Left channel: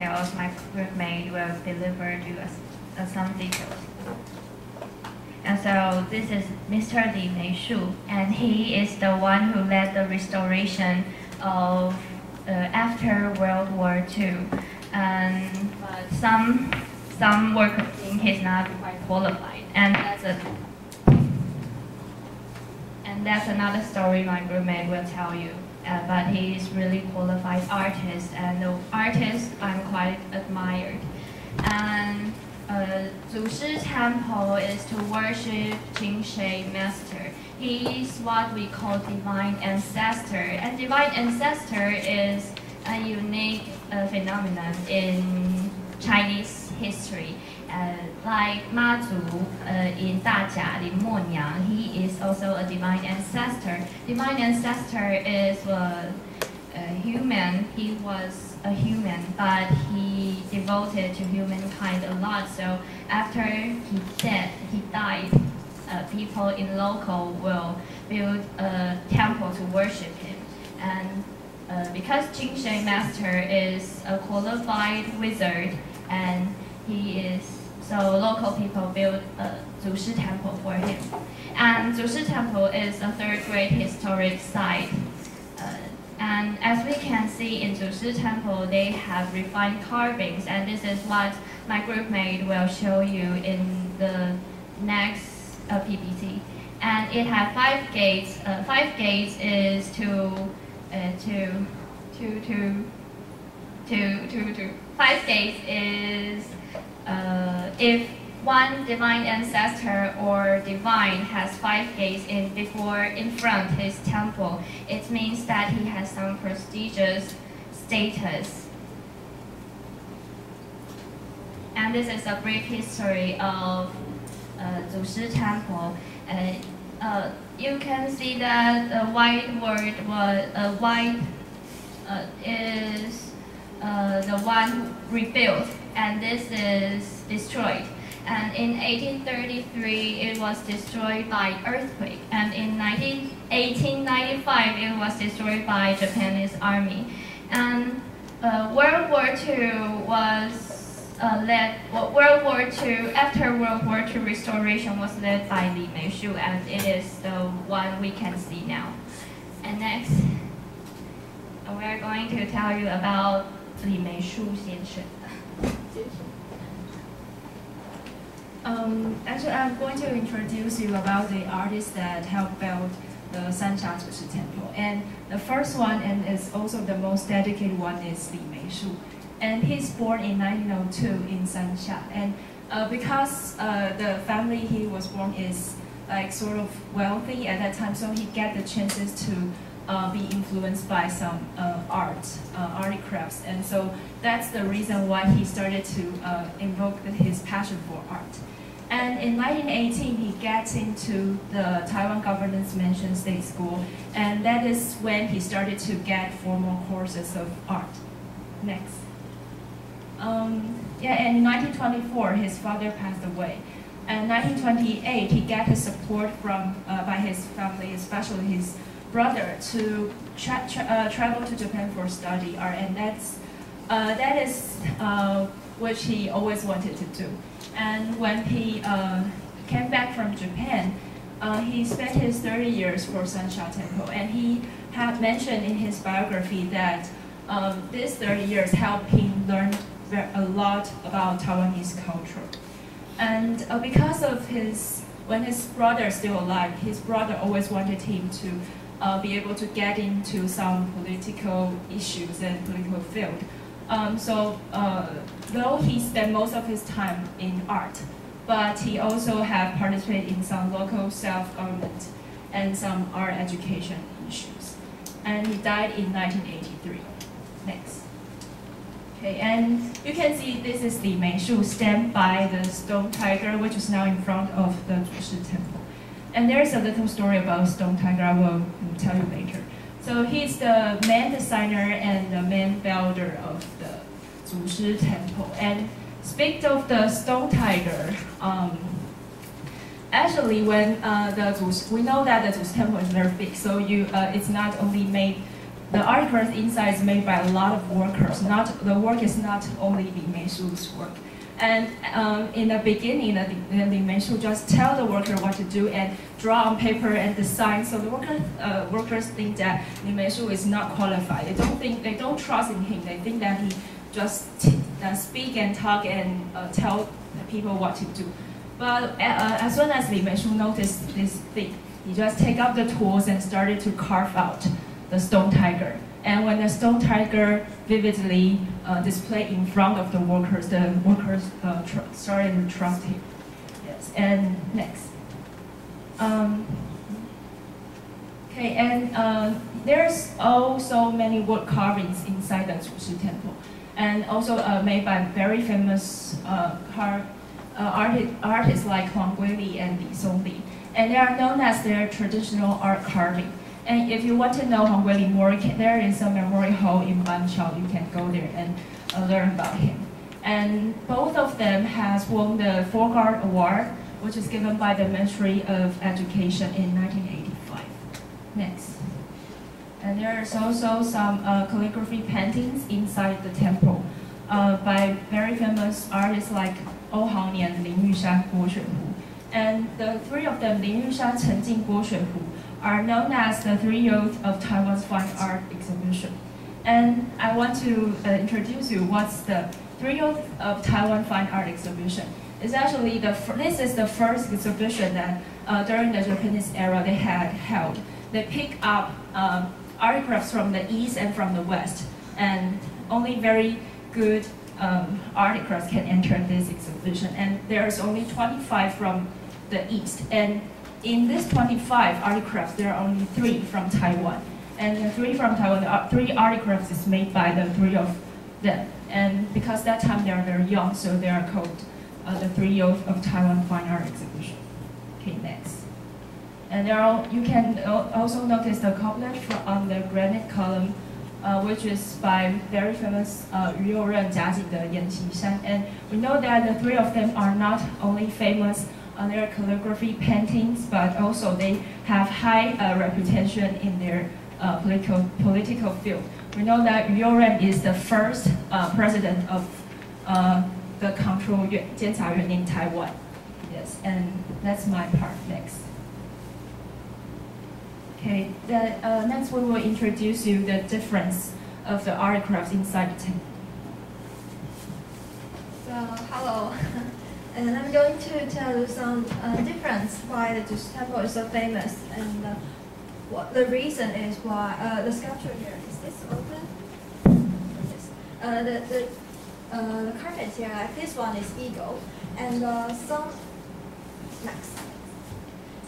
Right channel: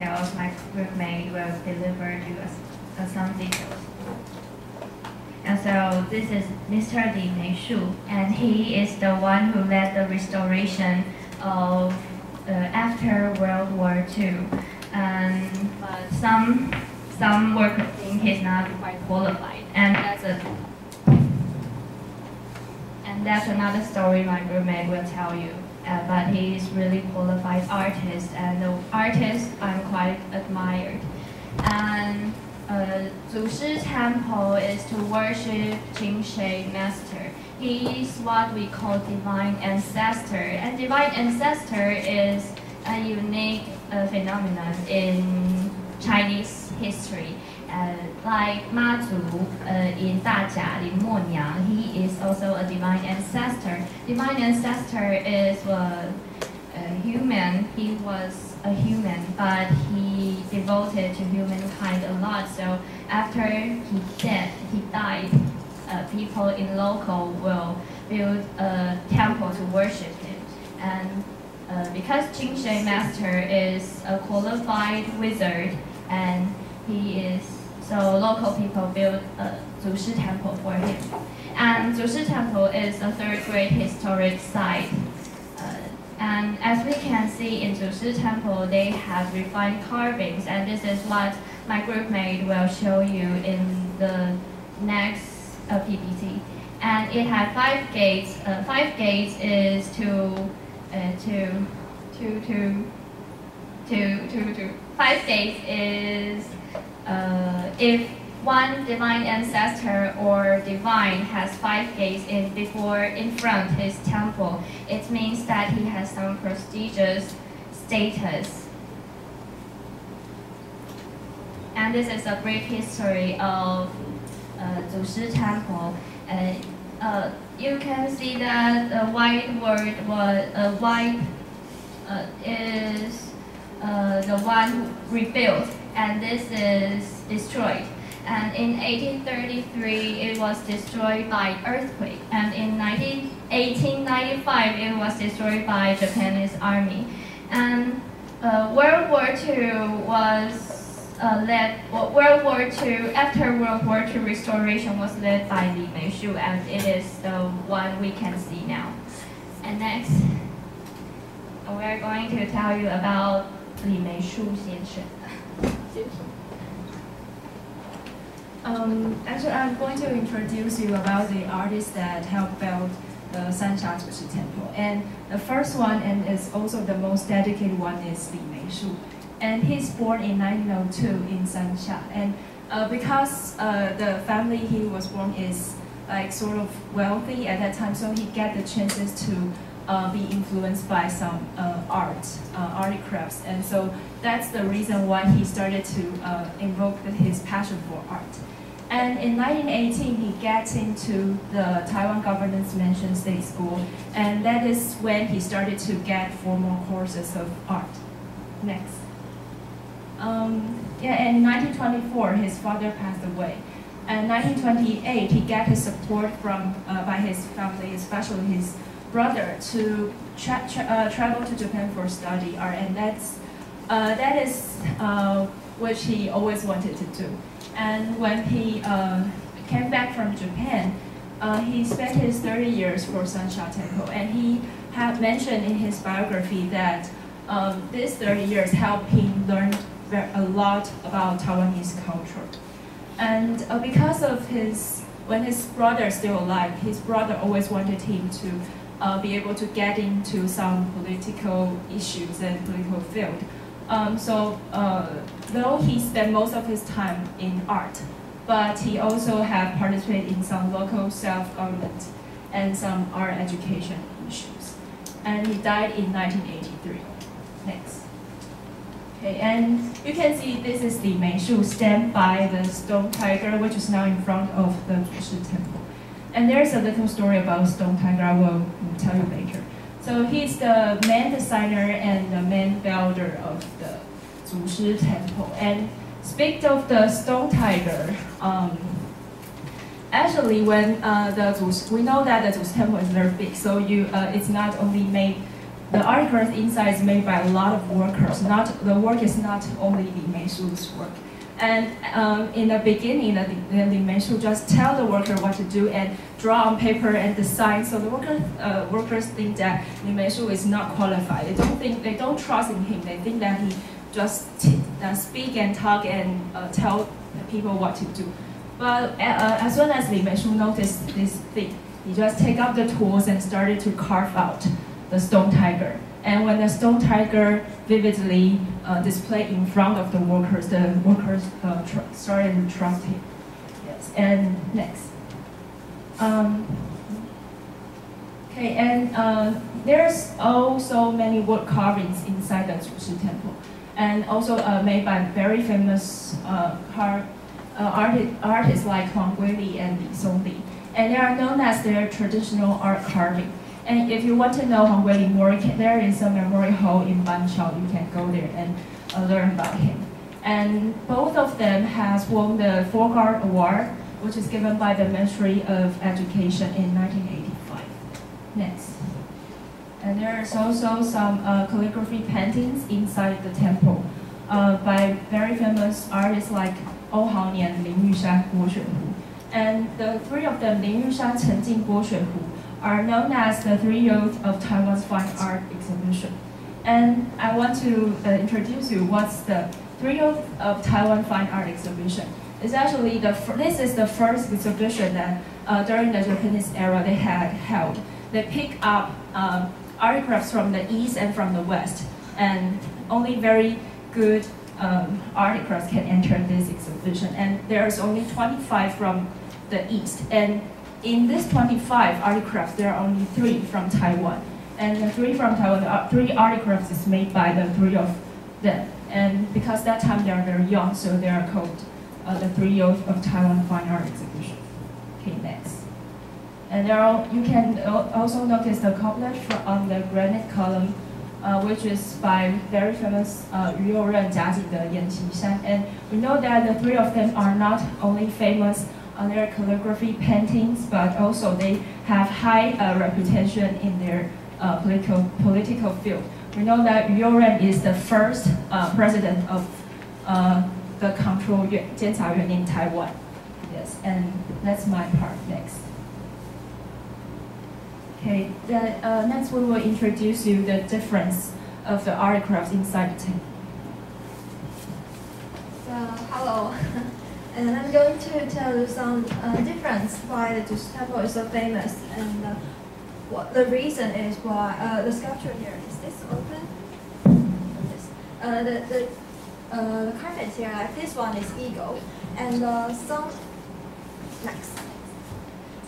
details. My roommate will deliver to us some details. And so this is Mr. Li Meishu, and he is the one who led the restoration of after World War II. But some workers think he's not quite qualified, and that's another story my roommate will tell you. But he is really qualified artist, and the artist I'm quite admired. And祖师 Temple is to worship Qingshi Master. He is what we call divine ancestor, and divine ancestor is a unique phenomenon in Chinese history. Like Ma Zu in 大甲林默娘, he is also a divine ancestor. Divine ancestor is a human. He was a human, but he devoted to humankind a lot. So after he died, people in local will build a temple to worship him. And because Qingshi Master is a qualified wizard, and so local people build a Zushi Temple for him. And Zushi Temple is a third-grade historic site. And as we can see in Zushi Temple, they have refined carvings, and this is what my groupmate will show you in the next PPT. And it has 5 gates. 5 gates is Five gates is if one divine ancestor or divine has 5 gates in front his temple, it means that he has some prestigious status. And this is a brief history of Zushi Temple. You can see that the white word is the one rebuilt, and this is destroyed. And in 1833, it was destroyed by earthquake. And in 1895, it was destroyed by Japanese army. And World War II was after World War II restoration was led by Li Meishu, and it is the one we can see now. And next, we are going to tell you about Li Meishu 先生. Actually, I'm going to introduce you about the artists that helped build the Sanxia Zushi Temple. And the first one, and is also the most dedicated one, is Li Meishu. And he's born in 1902 in Sanxia. And because the family he was born is like sort of wealthy at that time, so he get the chances to be influenced by some arts crafts. And so that's the reason why he started to invoke his passion for art. And in 1918, he gets into the Taiwan government's Mansion State School, and that is when he started to get formal courses of art. Next. And in 1924, his father passed away. And in 1928, he got his support from by his family, especially his brother, to travel to Japan for study art, and that is which he always wanted to do. And when he came back from Japan, he spent his 30 years for Sanxia Temple, and he had mentioned in his biography that these 30 years helped him learn a lot about Taiwanese culture. And because of when his brother is still alive, his brother always wanted him to be able to get into some political issues and political field. So though he spent most of his time in art, but he also had participated in some local self-government and some art education issues. And he died in 1983. Next. Okay, and you can see this is Li Meishu stand by the stone tiger, which is now in front of the Zushi Temple. And there's a little story about stone tiger I will tell you later. So he's the main designer and the main builder of the Zushi Temple. And speaking of the stone tiger, actually when we know that the Zushi Temple is very big, so it's not only made the articles inside is made by a lot of workers. The work is not only Li Meishu's work. And in the beginning, Li Meishu just tell the worker what to do and draw on paper and design. So the workers think that Li Meishu is not qualified. They don't trust in him. They think that he just speak and talk and tell the people what to do. But as soon as Li Meishu noticed this thing, he just take up the tools and started to carve out the stone tiger. And when the stone tiger vividly displayed in front of the workers started to trust him. Yes, and next. Okay, and there's also many wood carvings inside the Zushi Temple, and also made by very famous artists like Huang Guili and Li Songli. And they are known as their traditional art carving. And if you want to know Huang Guili more, there is a memory hall in Banqiao. You can go there and learn about him. And both of them has won the Folk Art Award, which is given by the Ministry of Education in 1985. Next. And there's also some calligraphy paintings inside the temple by very famous artists like Oh Haonian, Lin Yushan, Guo Xuehu. And the three of them, Lin Yushan, Chen Jing, Guo Xuehu, are known as the three youths of Taiwan's fine art exhibition. And I want to introduce you what's the three youths of Taiwan fine art exhibition. It's actually this is the first exhibition that during the Japanese era they had held. They pick up artifacts from the east and from the west, and only very good artifacts can enter this exhibition. And there's only 25 from the east. And in this 25 artifacts, there are only 3 from Taiwan. And the 3 from Taiwan, the 3 artifacts is made by the 3 of them. And because that time they are very young, so they are called the 3 youths of Taiwan Fine Art Exhibition. Okay, next. And you can also notice the couplet on the granite column, which is by very famous Yu Youren, Jia Jin, Yan Qishan. And we know that the 3 of them are not only famous on their calligraphy paintings, but also they have high reputation in their political field. We know that Yu Youren is the first president of the control Jiancayuan in Taiwan. Yes, and that's my part next. Okay, next we will introduce you the difference of the artifacts inside the temple. So, hello. And I'm going to tell you some difference why the Zushi Temple is so famous, and what the reason is why the sculpture here is this open. The carpet here, like this one is eagle, and some next,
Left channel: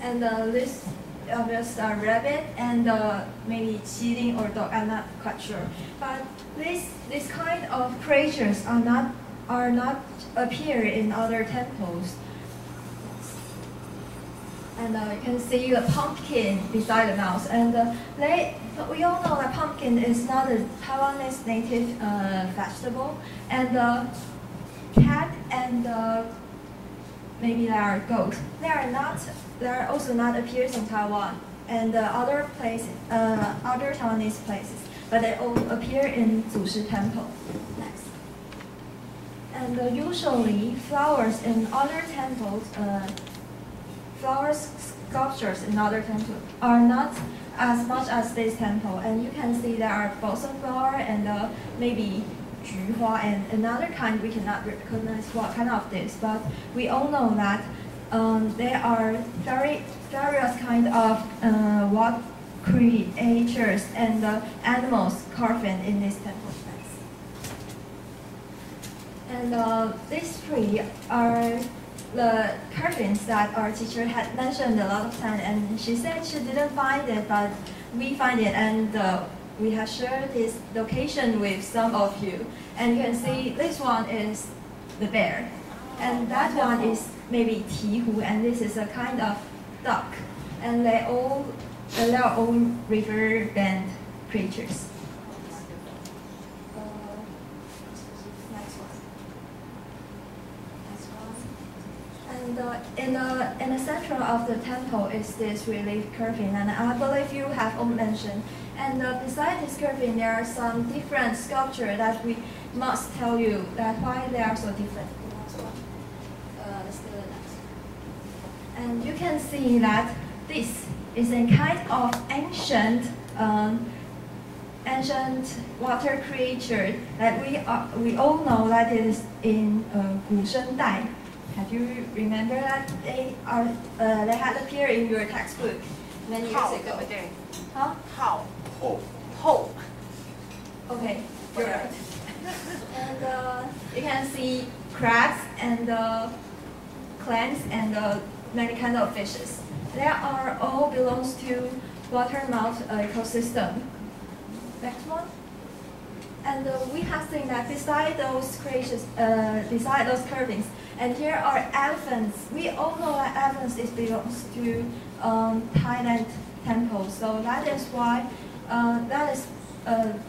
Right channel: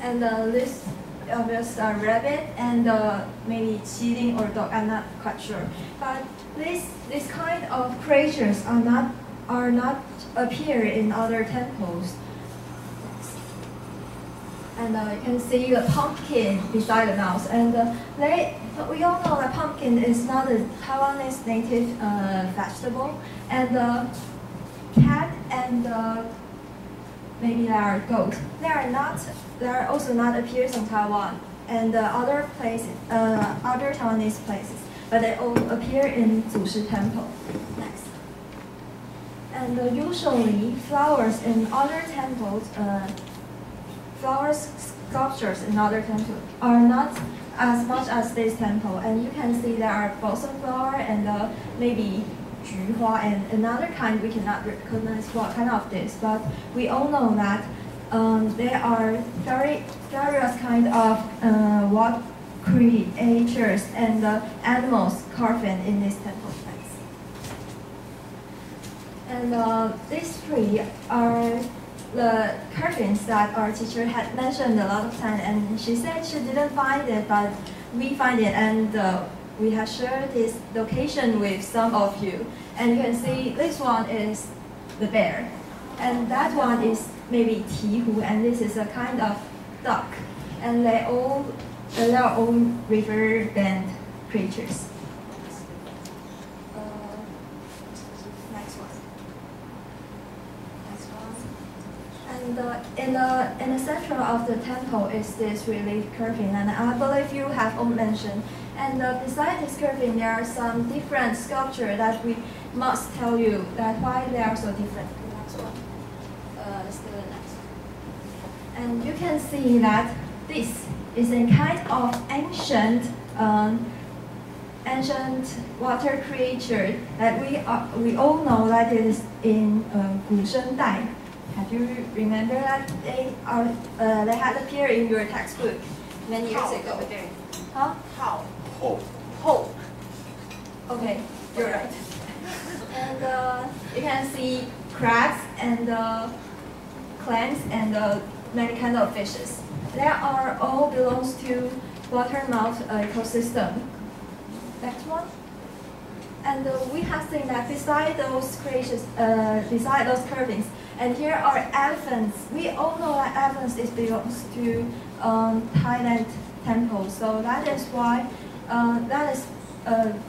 and this obvious rabbit and maybe cheating or dog. I'm not quite sure, but this kind of creatures are not appear in other temples. And you can see the pumpkin beside the mouse. And we all know that pumpkin is not a Taiwanese native vegetable. And cat and maybe there are goat. They are also not appears in Taiwan and other places, other Taiwanese places, but they all appear in Zushi Temple. Next. And usually flowers in other temples, sculptures in other temples are not as much as this temple. And you can see there are balsam flower and maybe juhua and another kind we cannot recognize what kind of this. But we all know that there are various kind of what creatures and animals carved in this temple. And these 3 are the carvings that our teacher had mentioned a lot of times, and she said she didn't find it, but we find it, and we have shared this location with some of you. And you can see this one is the bear, and that one is maybe tihu, and this is a kind of duck, and they are all river bend creatures. And in the center of the temple is this relief curving, and I believe you have all mentioned. And beside this carving, there are some different sculptures that we must tell you that why they are so different. The next one. Let's do the next. And you can see that this is a kind of ancient water creature that we all know that it is in 古生代. Have you remember that they had appeared in your textbook many years ago? Huh? How? Ho. Okay, you're right. And you can see crabs and clams and many kinds of fishes. They are all belongs to watermouth ecosystem. Next one. And we have seen that beside those creations, beside those carvings, and here are elephants. We all know that elephants belongs to Thailand temples. So that is why that is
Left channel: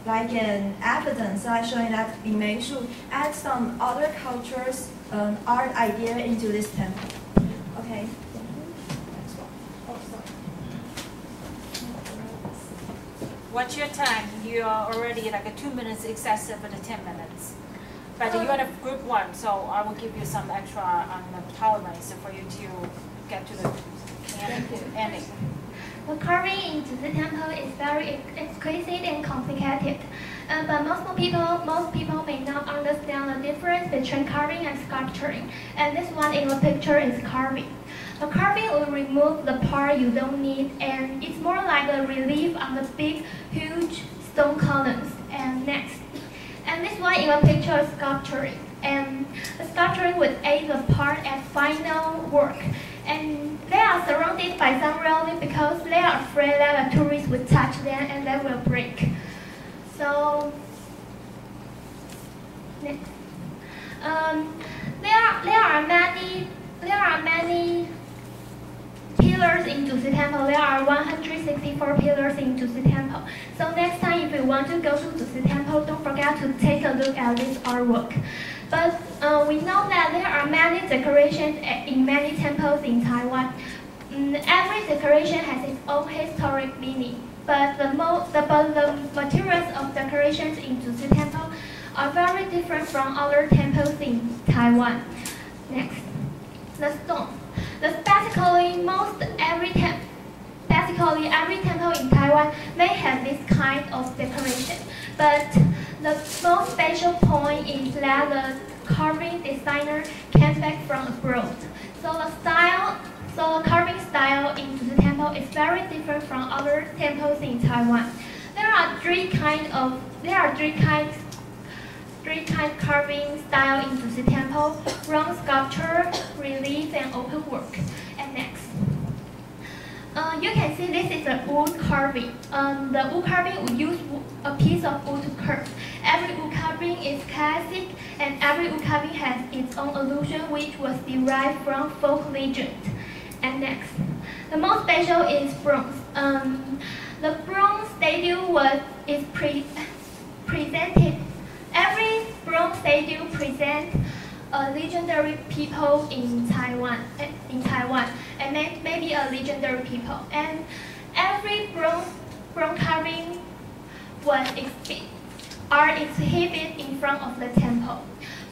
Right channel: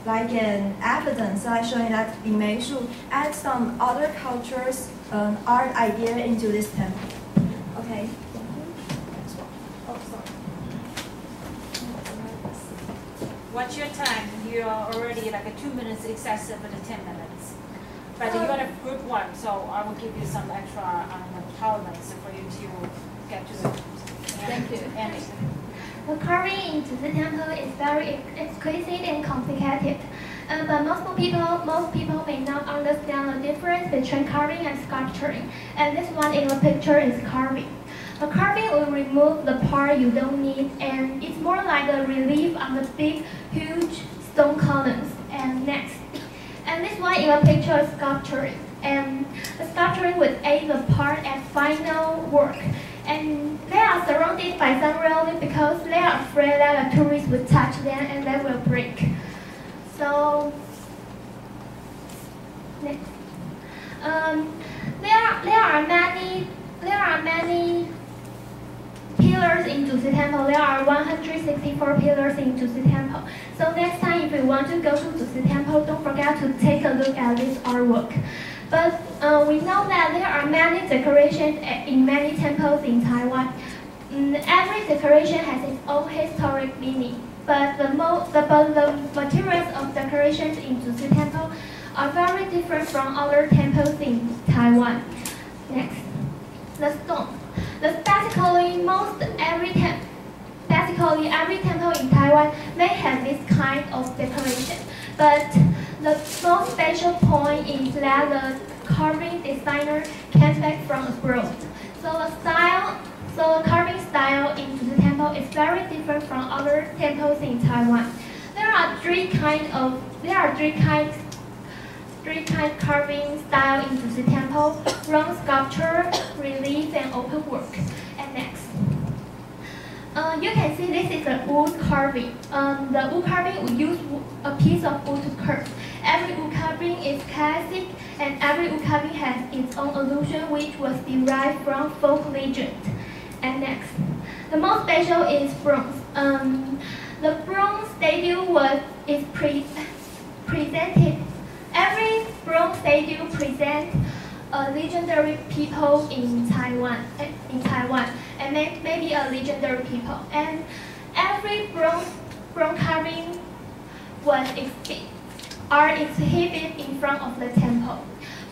like an evidence that showing that Li Shu add some other cultures art idea into this temple. Okay. Next one. Oh, sorry. What's your time? You are already like 2 minutes excessive for the 10 minutes. But you are a group one, so I will give you some extra tolerance for you to get to the ending. The carving in Zuzi Temple is very exquisite and complicated, but most people may not understand the difference between carving and sculpturing. And this one in the picture is carving. The carving will remove the part you don't need, and it's more like a relief on the big, huge stone columns. And next, and this one in the picture is sculpturing. And the sculpturing would aid the part at final work. And they are surrounded by some railing because they are afraid that a tourist would touch them and they will break. So next, there are many pillars in Zuzi Temple. There are 164 pillars in Zuzi Temple. So next time, if you want to go to Zuzi Temple, don't forget to take a look at this artwork. But we know that there are many decorations in many temples in Taiwan. Every decoration has its own historic meaning. But the materials of decorations in Zuzi Temple are very different from other temples in Taiwan. Next, the stone. Basically, every temple in Taiwan may have this kind of decoration, but the most special point is that the carving designer came back from abroad. So the carving style in Zuzi Temple is very different from other temples in Taiwan. There are three kind carving style in Zuzi Temple: bronze sculpture, relief, and open work. And next, you can see this is a wood carving. The wood carving will use a piece of wood to curve. Every wood carving is classic, and every wood carving has its own allusion, which was derived from folk legend. And next, the most special is bronze. The bronze statue is presented. Every bronze statue presents a legendary people in Taiwan, and maybe a legendary people. And every bronze carving are exhibited in front of the temple.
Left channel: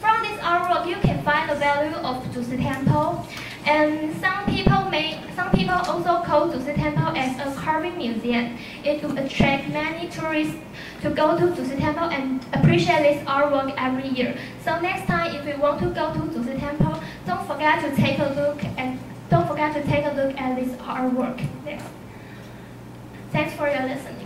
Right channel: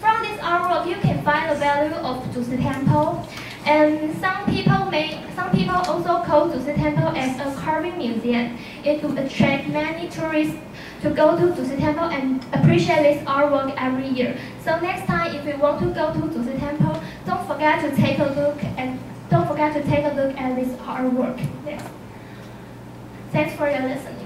From this artwork, you can find the value of Zuzi Temple. And some people also call Zuzi Temple as a carving museum. It will attract many tourists to go to Zuzi Temple and appreciate this artwork every year. So next time, if you want to go to Zuzi Temple, don't forget to take a look at this artwork. Thanks for your listening.